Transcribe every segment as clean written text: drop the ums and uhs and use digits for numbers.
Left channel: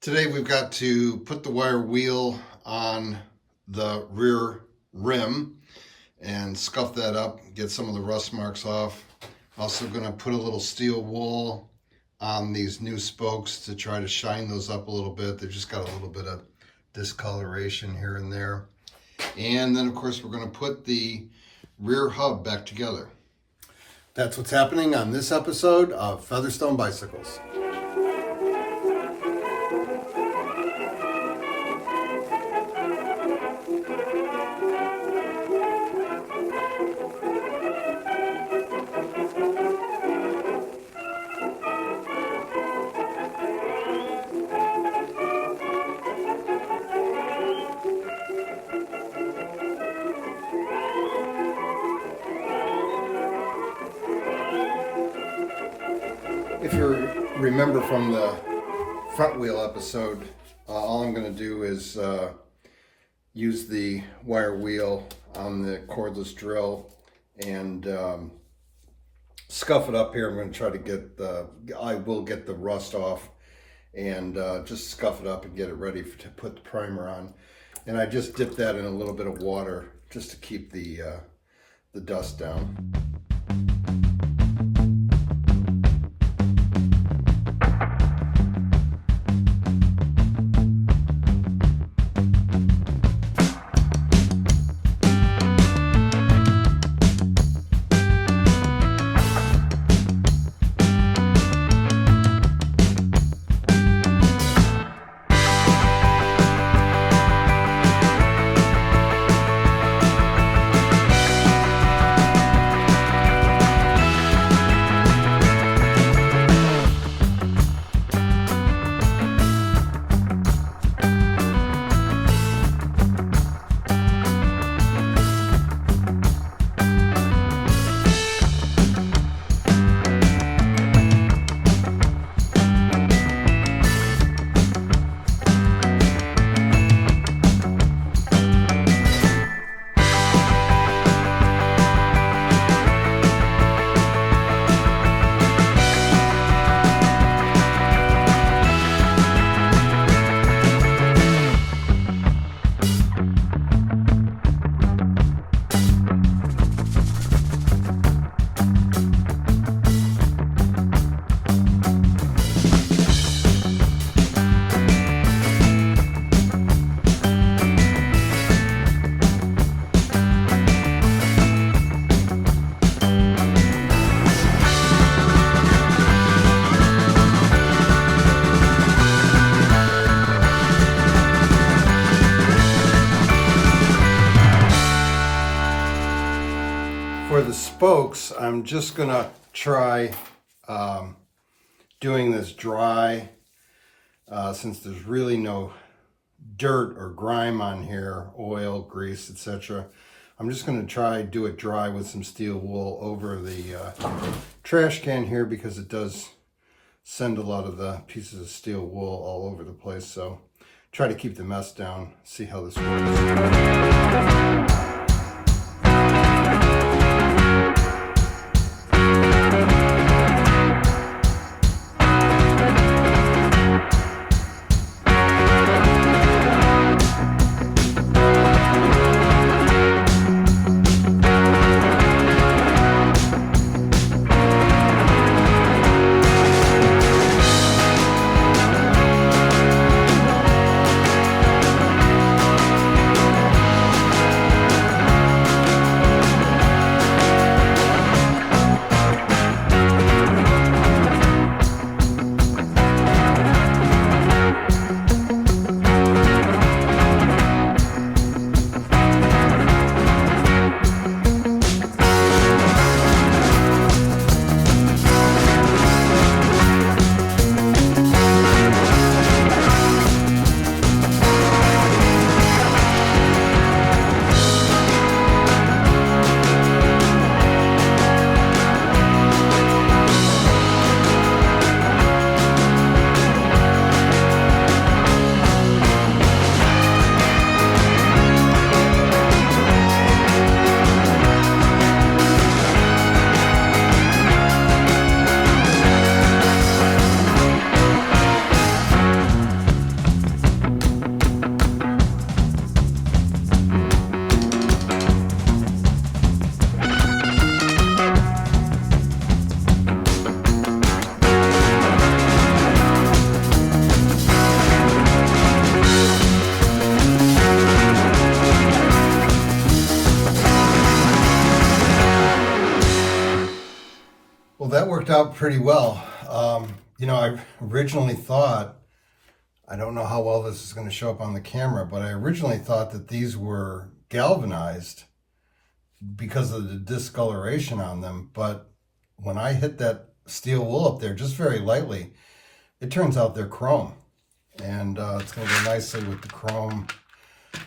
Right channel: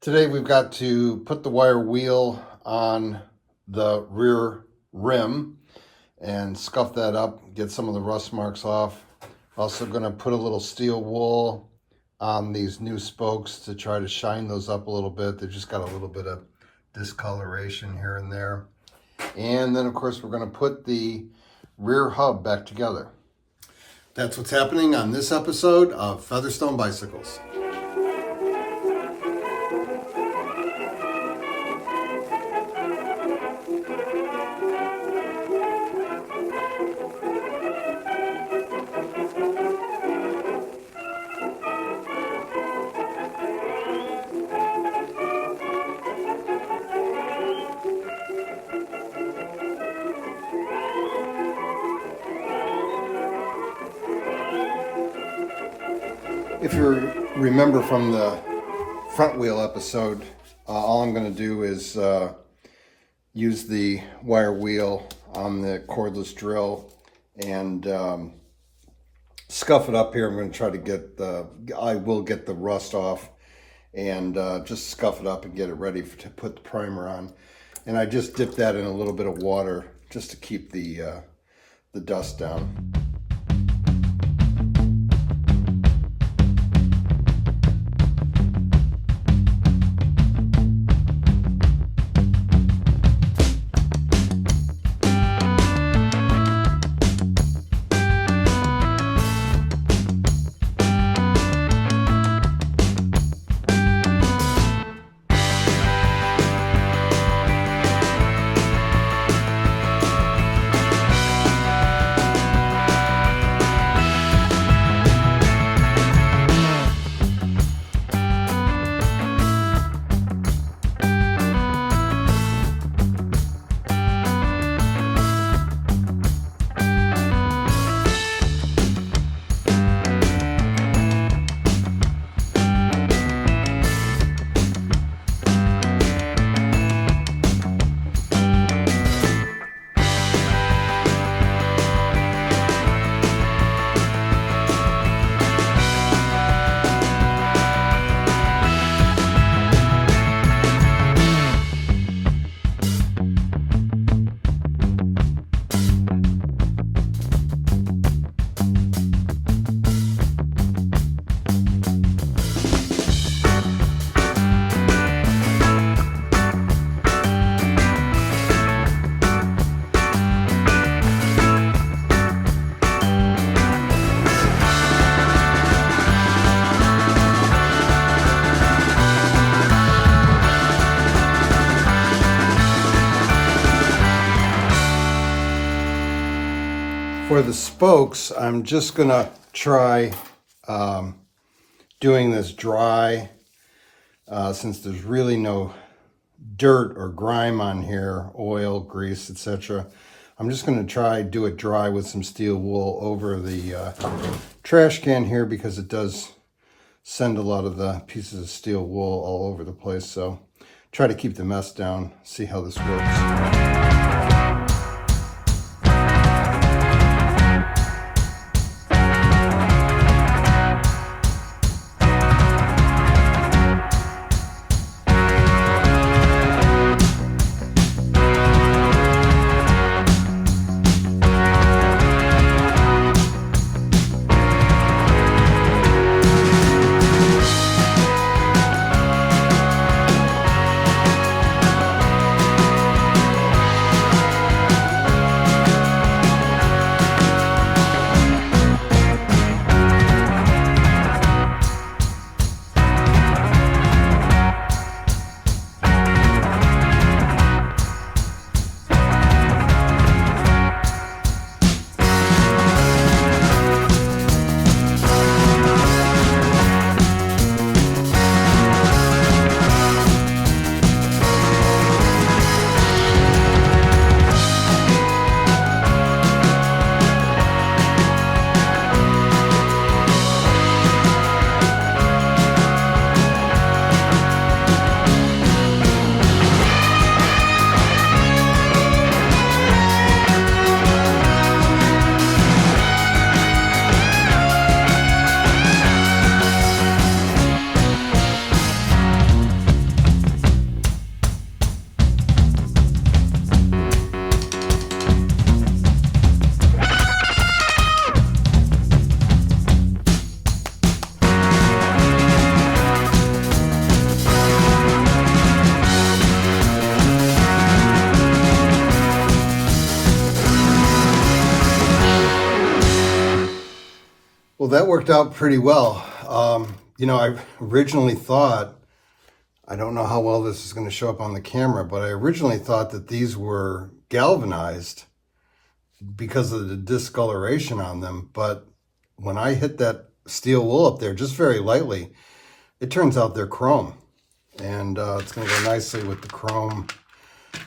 Today we've got to put the wire wheel on the rear rim and scuff that up, get some of the rust marks off. Also going to put a little steel wool on these new spokes to try to shine those up a little bit. They've just got a little bit of discoloration here and there. And then of course we're going to put the rear hub back together. That's what's happening on this episode of Featherstone Bicycles. If you remember from the front wheel episode, all I'm going to do is use the wire wheel on the cordless drill and scuff it up here. I'm going to try to get I will get the rust off and just scuff it up and get it ready to put the primer on. And I just dip that in a little bit of water just to keep the dust down. For the spokes, I'm just gonna try doing this dry since there's really no dirt or grime on here, oil, grease, etc. I'm just gonna do it dry with some steel wool over the trash can here because it does send a lot of the pieces of steel wool all over the place. So try to keep the mess down, see how this works. that worked out pretty well. I originally thought, I don't know how well this is going to show up on the camera, but I originally thought that these were galvanized because of the discoloration on them. But when I hit that steel wool up there just very lightly, it turns out they're chrome. And it's going to go nicely with the chrome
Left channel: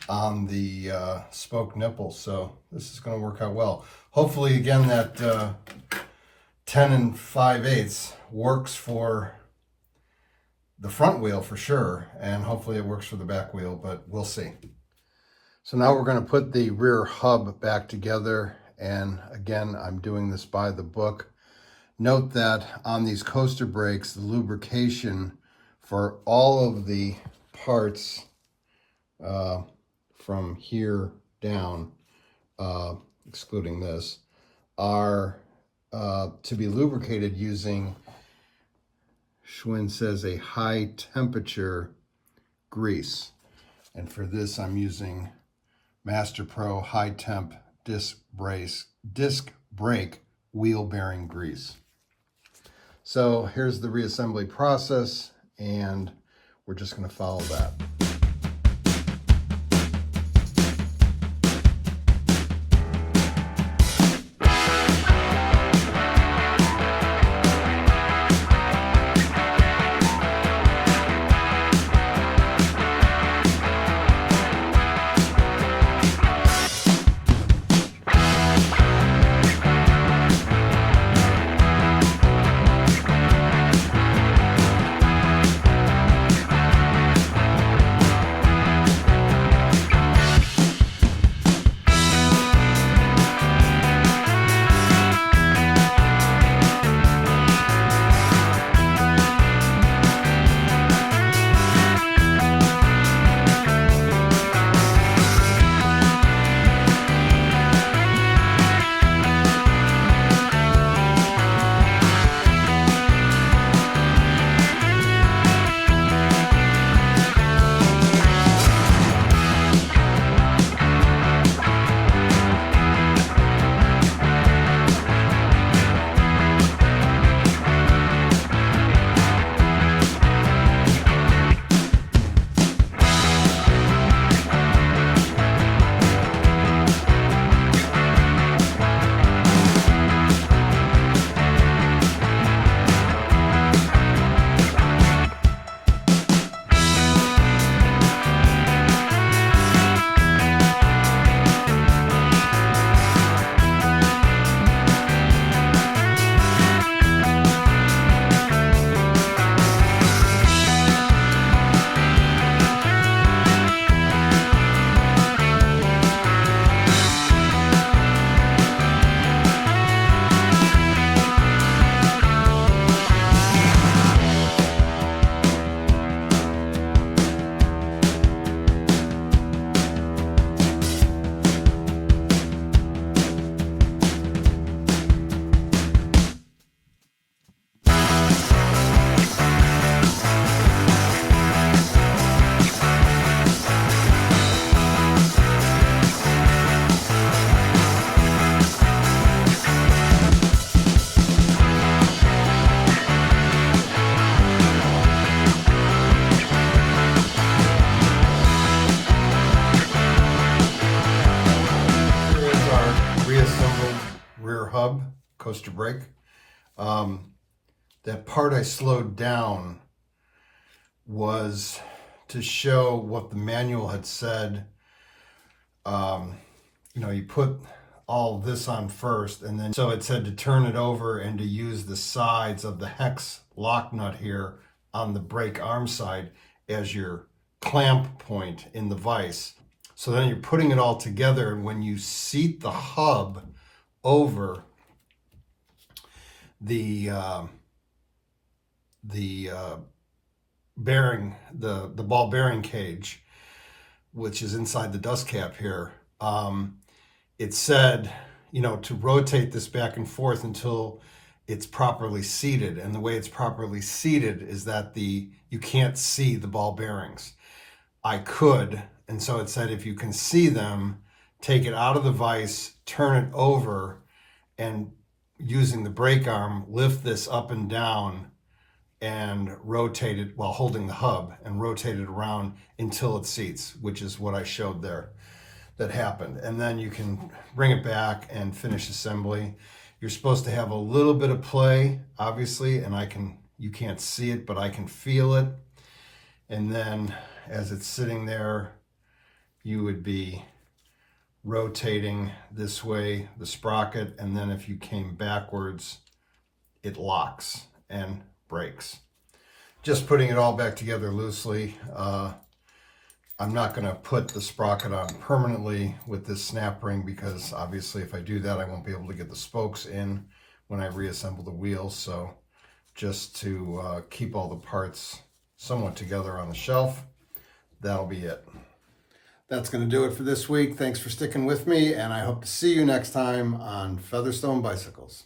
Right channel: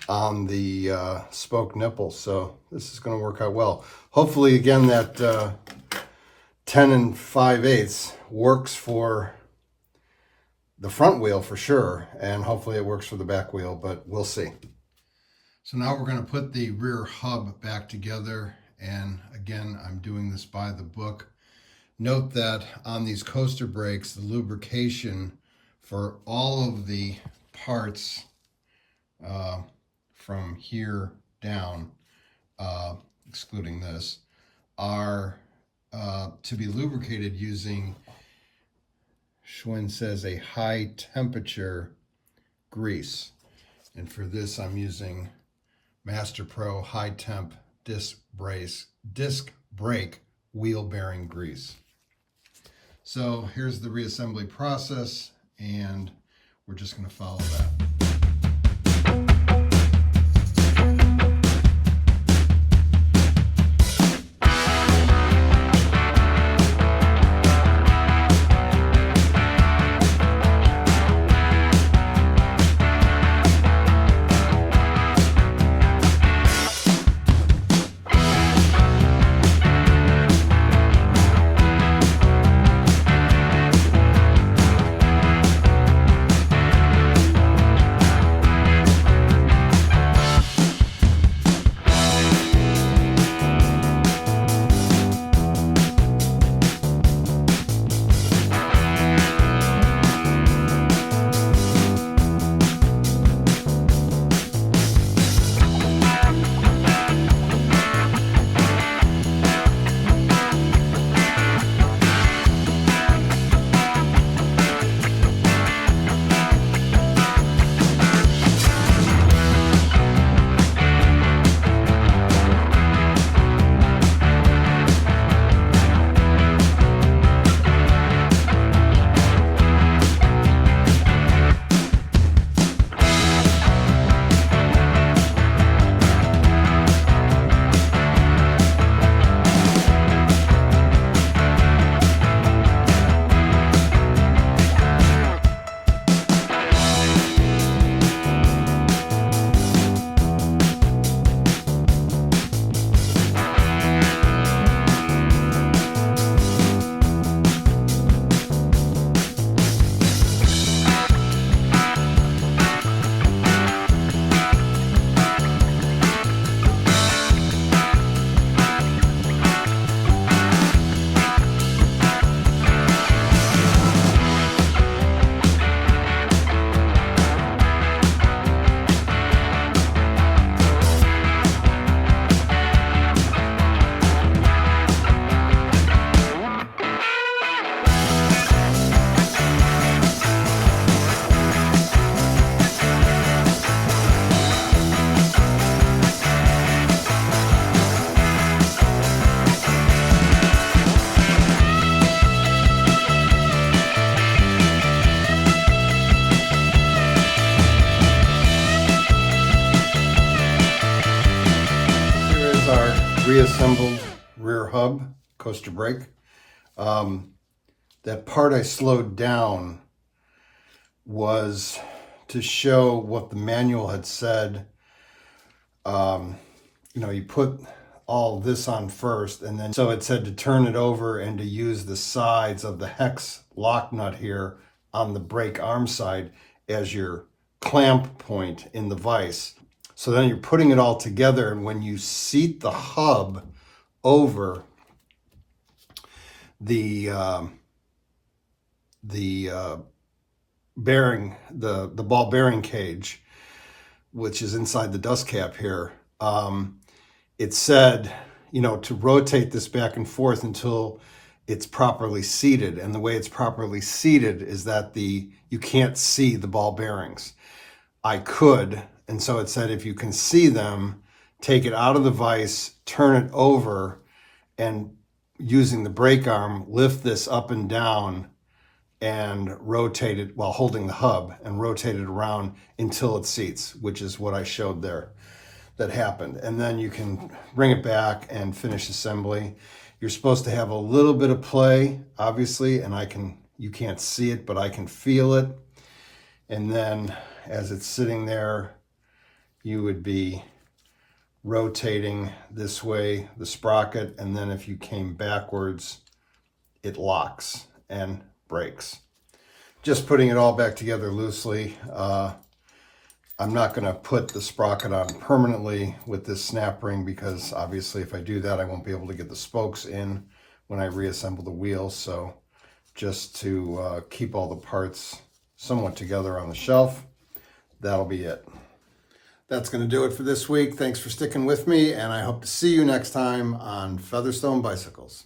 on the spoke nipples. So this is going to work out well. Hopefully, again, that 10 5/8 works for the front wheel for sure, and hopefully it works for the back wheel, but we'll see. So now we're going to put the rear hub back together, and again, I'm doing this by the book. Note that on these coaster brakes, the lubrication for all of the parts from here down, excluding this, are to be lubricated using, Schwinn says, a high temperature grease. And for this, I'm using Master Pro High Temp disc brake wheel bearing grease. So here's the reassembly process, and we're just going to follow that. Reassembled rear hub, coaster brake. That part I slowed down was to show what the manual had said. You put all this on first, and then so it said to turn it over and to use the sides of the hex lock nut here on the brake arm side as your clamp point in the vise. So then you're putting it all together, and when you seat the hub over the bearing, the ball bearing cage, which is inside the dust cap here, it said, to rotate this back and forth until it's properly seated. And the way it's properly seated is that you can't see the ball bearings. I could. And so it said, if you can see them, take it out of the vise, turn it over, and using the brake arm, lift this up and down and rotate it while holding the hub and rotate it around until it seats, which is what I showed there that happened. And then you can bring it back and finish assembly. You're supposed to have a little bit of play, obviously, and you can't see it, but I can feel it. And then as it's sitting there, you would be rotating this way, the sprocket, and then if you came backwards, it locks and breaks. Just putting it all back together loosely. I'm not going to put the sprocket on permanently with this snap ring because obviously if I do that, I won't be able to get the spokes in when I reassemble the wheel. So just to keep all the parts somewhat together on the shelf, that'll be it. That's going to do it for this week. Thanks for sticking with me, and I hope to see you next time on Featherstone Bicycles.